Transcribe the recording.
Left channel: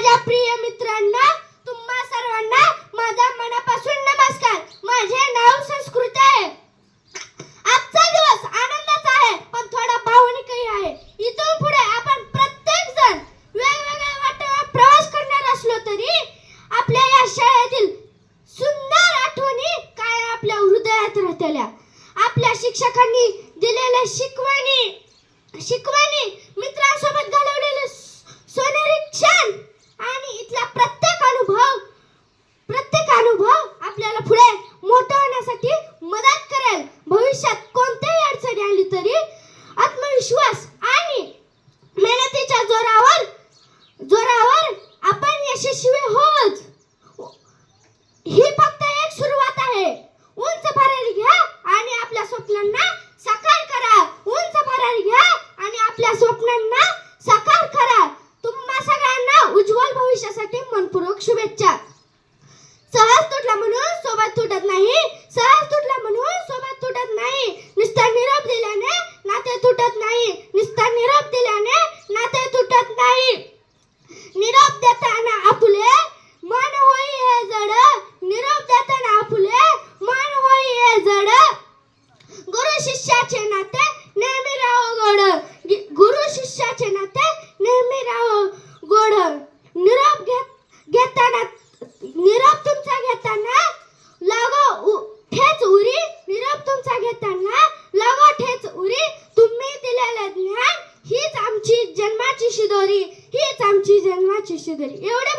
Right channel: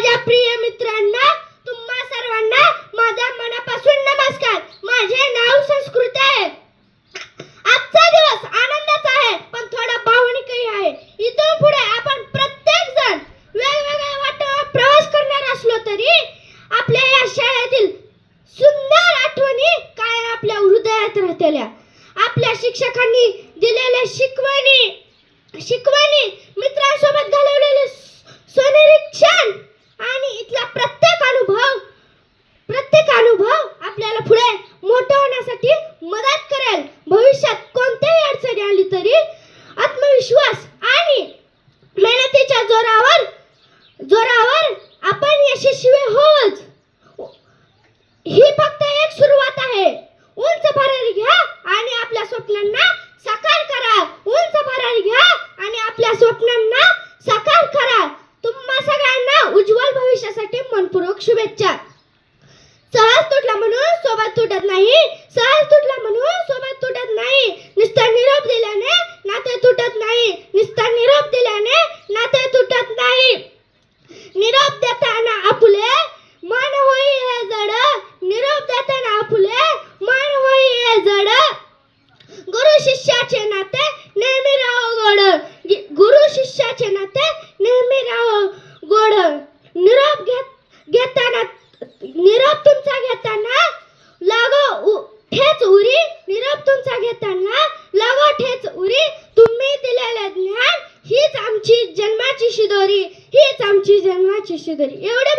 माझ्या प्रिय मित्रांना, तुम्हा सर्वांना माझा मनापासून नमस्कार. माझे नाव संस्कृत आहे. आजचा दिवस आनंदाचा आहे, पण थोडा भावनिकही आहे. इथून पुढे आपण प्रत्येक जण वेगवेगळ्या वाटेवर प्रवास करणार असलो तरी आपल्या या शाळेतील सुंदर आठवणी काय आपल्या हृदयात राहतेल्या. आपल्या शिक्षकांनी दिलेल्या शिकवणी, मित्रांसोबत घालवलेले सोनेरी क्षण आणि इथला प्रत्येक अनुभव आपल्याला पुढे मोठं होण्यासाठी मदत करेल. भविष्यात कोणत्याही अडचणी आली तरी आत्मविश्वास आणि मेहनतीच्या जोरावर आपण यशस्वी होऊच. ही फक्त एक सुरुवात आहे. उंच भरारी घ्या आणि आपल्या स्वप्नांना साकार करा. उंच भरारी घ्या आणि आपल्या स्वप्नांना साकार करा. तुम्हा सगळ्यांना उज्ज्वल भविष्यासाठी मनपूर्वक शुभेच्छा. सहज तुटला म्हणून सोबत तुटत नाही. सहज तुटला म्हणून सोबत तुटत नाही. नुसता निरोप दिल्याने नाते तुटत नाही. नुसता निरोप दिल्याने नाते तुटत नाही. निरोप देताना आपुले मन होई हे जड. निरोप देताना आपुले मन होई हे जड. गुरु शिष्याचे नाते नेहमी राहो गोड. गुरु शिष्याचे नाते नेहमी राहो गोड. निरोप तुमचा घेताना लागो ठेच उरी. निरोप तुमचा घेताना लागो ठेच उरी. तुम्ही दिलेले ज्ञान हीच आमची जन्माची शिदोरी. हीच आमची जन्माची शिदोरी. एवढे